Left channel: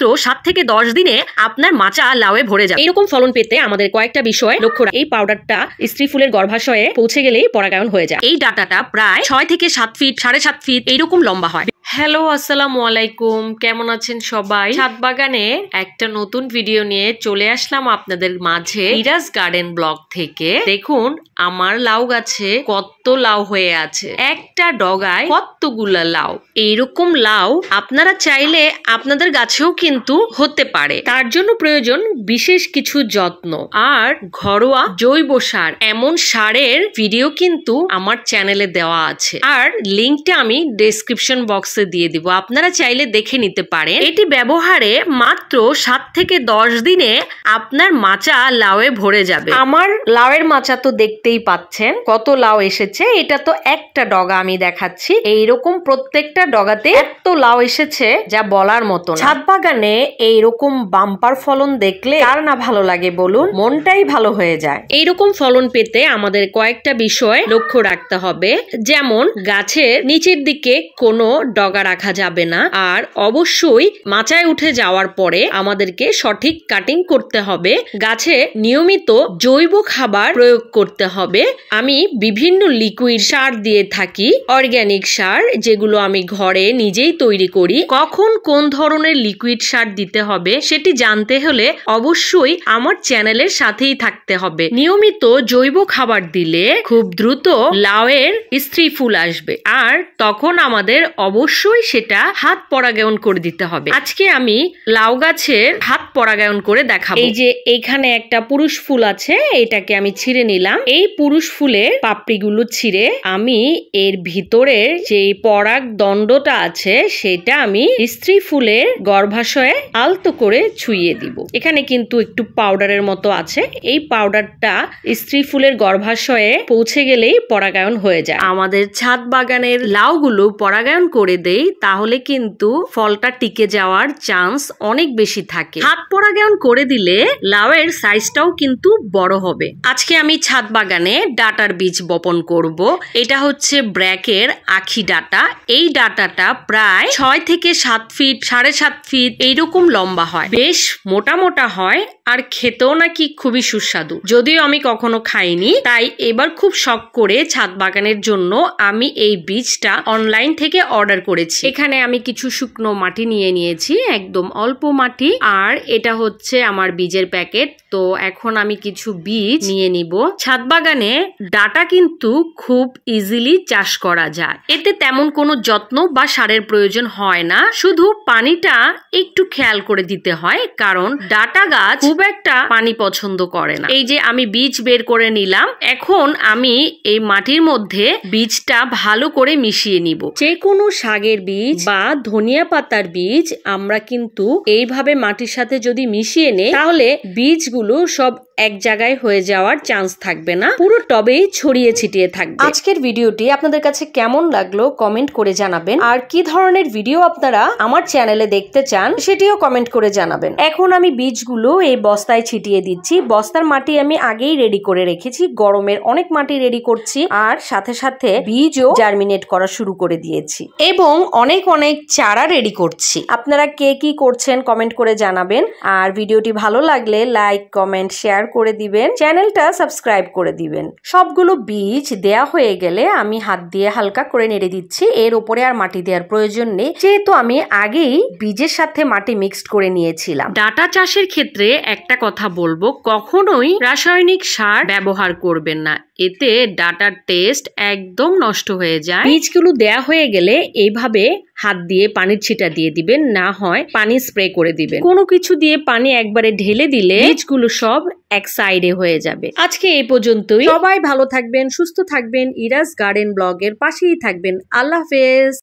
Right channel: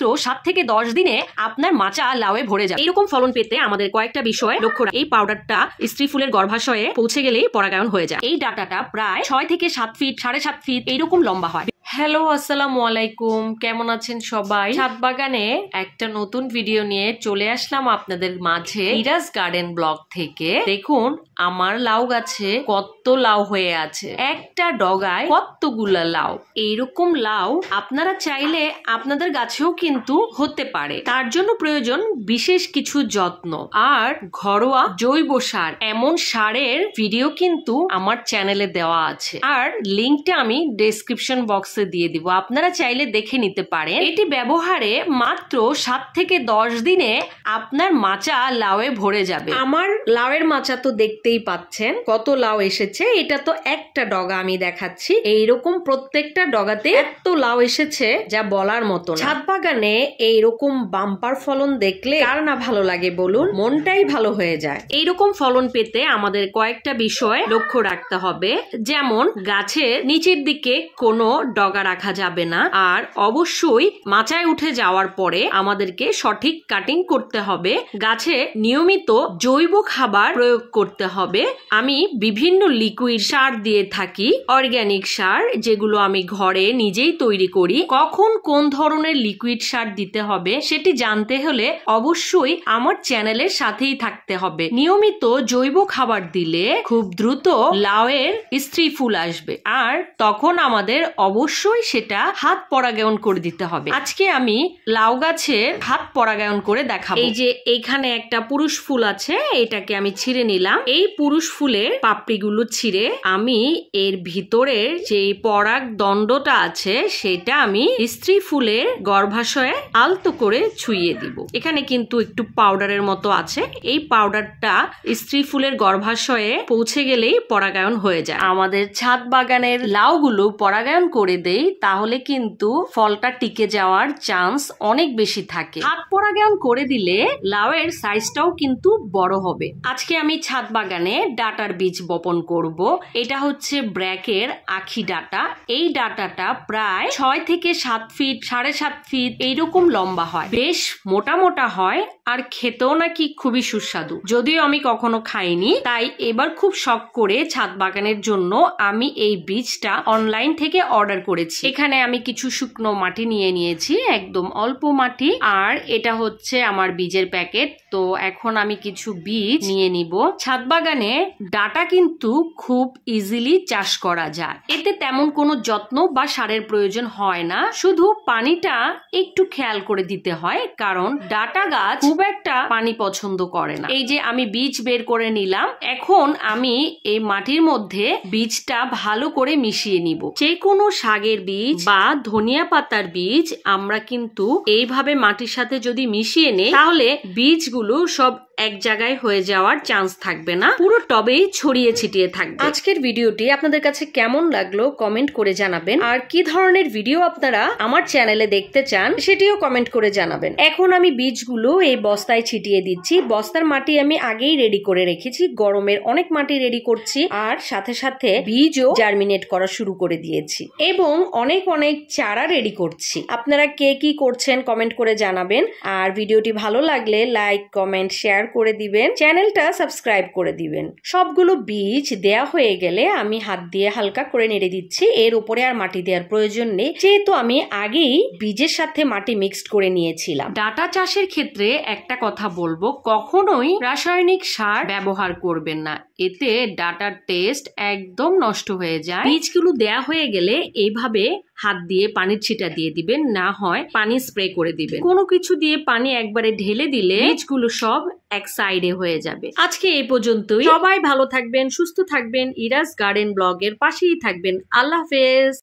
মাত্র 7 থেকে 10 দিনে আপনার মাচা লাউয়ে ভরে যাবে। এরকম ফলন পেতে আমাদের কয়েকটা বিষয় লক্ষ্য রাখতে। এই পাউডারটা স্ত্রী ফুলের গর্ভাশয়ে পৌঁছে গেলেই পরাগায়ন হয়ে যায়। এই ডাটাটা প্রায় 6 থেকে 7 ফিট 7.5 ফিট এইরকম লম্বা হয়। হ্যালো, আসসালামু আলাইকুম, কেমন আছেন সবাই? ছাদ বাগানে একটা নতুন ভিডিও নিয়ে চলে আসলাম আপনাদের মাঝে ইরাজ গার্ডেন ব্লগ থেকে। দেখুন আমার লাউ গাছে কত লাউ হয়ে আছে, একটা ডগায় কতগুলা লাউ। এইরকম লাউ আপনারা চাইলে আপনাদের গাছেও কিন্তু হতে পারে। তার জন্য প্রয়োজন বিশেষ কিছু যত্ন আর ঘরোয়া জৈব সার। এমন সারের ভিডিও কিন্তু আমার চ্যানেলে দেওয়া আছে, আর লিঙ্কটা আমি ডেসক্রিপশন বক্সে দিয়ে দিব, আপনারা চাইলে দেখে নিতে পারেন। এটি ব্যবহারে মাত্র 7 থেকে 10 দিনে আপনার মাচা লাউয়ে ভরে যাবে। আমার লাউয়ের মাচা তো দেখতেই পাচ্ছেন কত লাউ এসেছে। এটা তো একটা ডগা আমি দেখাচ্ছি, এইরকম প্রত্যেকটা ডগাতে এত লাউ এসেছে যা বলার মতো না। ছাদ বাগানে এইরকম বাম্পার ফলন দেখলে কার না ভালো লাগে বলুন, মনটাই ভালো হয়ে যায়। এইরকম ফলন পেতে আমাদের কয়েকটা বিষয় লক্ষ্য রাখতে হবে, যেমন গাছের নিচের দিকে কোনো ডগা রাখা যাবে না, আর অবশ্যই মাচায় উঠে যাওয়ার পরে আমাদেরকে সঠিক কাটিং করতে হবে। গাছে নিয়মিত জৈব খাবার প্রয়োগ করতে হবে। আমি বিভিন্ন লিকুইড সার দিয়ে থাকি, অর্গানিক সার, যেগুলো আমি ঘরে নিজেই তৈরি করি। কখন কোন ধরনের লিকুইড সার দিতে হবে সেটি জানতে হলে অবশ্যই আমার চ্যানেলের সাথেই থাকতে হবে। নিয়মিত জৈব খাবার দিলে খুব দ্রুত লাউয়ের স্ত্রী ফুল আসবে, আর তখন আমাদের অবশ্যই সেটা হাত পরাগায়ন করে দিতে হবে। আজকে আমি লাউ গাছের হাত পরাগায়ন করে দেখাবো। এই যে এখানে একটা পুরুষ ফুল আছে, এটাকে আমি ছিঁড়ে নিলাম। এই পুরুষ ফুলের পাপড়িগুলো ছিঁড়ে আমি এর ভিতরে যে পরাগ দণ্ডটা আছে সেটা আমি স্ত্রী ফুলের গর্ভাশয়ে আলতো করে ছুঁয়ে দিব। এখানে কিন্তু একটু পাউডারের মতো আছে, এই পাউডারটা স্ত্রী ফুলের গর্ভাশয়ে পৌঁছে গেলেই পরাগায়ন হয়ে যায়। আমাদের ছাদ বাগানের লাউগুলো পরাগায়ন করে দেই, তাহলে কিন্তু ফলটা টিকে যাওয়ার চান্স অনেক বেশি থাকে। হাত পরাগায়ন করে দিলে লাউয়ের সাইজটাও কিন্তু বড় হবে। আজকে আমি ছাদ বাগানে ডাটার বীজ বপন করব। এটা হচ্ছে ব্র্যাকের আখি ডাটা। এই ডাটাটা প্রায় 6 থেকে 7 ফিট 7.5 ফিট এইরকম লম্বা হয়, বেশ মোটা মোটা হয়, আর খেতেও নাকি খুবই সুস্বাদু। যদিও আমি কখনো খাইনি, তাই এবার খুব শখ করে ছাদ বাগানের জন্য আমি এই বীজটা অনলাইন থেকে অর্ডার করেছি। এখানে আমি কিছু শুকনো মাটি নিয়ে নিয়েছি, একদম অল্প মাটি, আর এটা হচ্ছে আমার বীজের প্যাকেট। তো এখন আমি কিছু বীজ নিয়ে নিব। ছাদ বাগানে ডাটা কিন্তু খুব ইজিলি চাষ করা যায়, এতে তেমন কোনো যত্ন বা সারের প্রয়োজন হয় না, শুধু পানিটা একটু খেয়াল করে দিতে হয়, কারণ ডাটা গাছ খুব একটা পানি পছন্দ করে না। এই যে আমি বীজ বের করে নিলাম, এখন আমি এই মাটির মধ্যে বীজটা ভালো করে মিশিয়ে নিব। যে কোনো শাকের বীজ বা ধনিয়া পাতার বীজ আমরা কিন্তু এইভাবে মাটির সাথে যদি মিশিয়ে নেই, তাহলে বীজগুলো সব এক জায়গায় হয়ে যাওয়ার চান্স থাকবে না, পুরো টবেই ছড়িয়ে ছিটিয়ে থাকবে। আজকের ভিডিওটি আপনাদের কাছে কেমন লাগলো কমেন্ট করে জানাবেন, আর কি ধরনের ভিডিও আপনারা আমার চ্যানেলে দেখতে চান সেটিও কমেন্ট করে জানাবেন। এখন আমি বীজগুলো এই বস্তায় ছিটিয়ে দিচ্ছি। বস্তার মাটি আমি আগেই রেডি করে রেখেছি, গরমের অনেক মাটি রেডি করছি, আর সাথে সাথে বীজও জার্মিনেট করা শুরু করে দিয়েছি, এবং অনেক অনেক চারা রেডি করছি। আপনারা কে কি করছেন কমেন্ট করে জানাবেন, আর ভিডিওটি ভালো লাগলে লাইক কমেন্ট শেয়ার করে দিবেন, চ্যানেলটা সাবস্ক্রাইব করে দিবেন। সবগুলো বীজ দেয়া হয়ে গেলে আমি হাত দিয়ে হালকা করে নেড়ে দিচ্ছি। এর উপরে আর মাটি দেওয়ার প্রয়োজন নেই, যেহেতু আমি আগেই বীজের সাথে মাটি মিক্সড করে নিয়েছিলাম। ডাটা চাষের ক্ষেত্রে একটা কথা বলবো, কখনোই রাসায়নিক সার ব্যবহার করবেন না, এতে ডাটার টেস্ট একদম নষ্ট হয়ে যায়। বীজগুলো দেয়া হয়ে গেলে এইভাবে হাত দিয়ে পানির ছিটা দিয়ে দিবেন, না হয় পানি স্প্রে করে দিবেন। কোনো কিছু দিয়ে পানি একবারে ঢেলে দিলে বীজগুলো সব এক সাইডে হয়ে যাবে। আজকে এই পর্যন্তই। সবাই ভালো থাকবেন, সুস্থ থাকবেন, ইরাজ গার্ডেন ব্লগের পাশেই থাকবেন। আল্লাহ হাফেজ।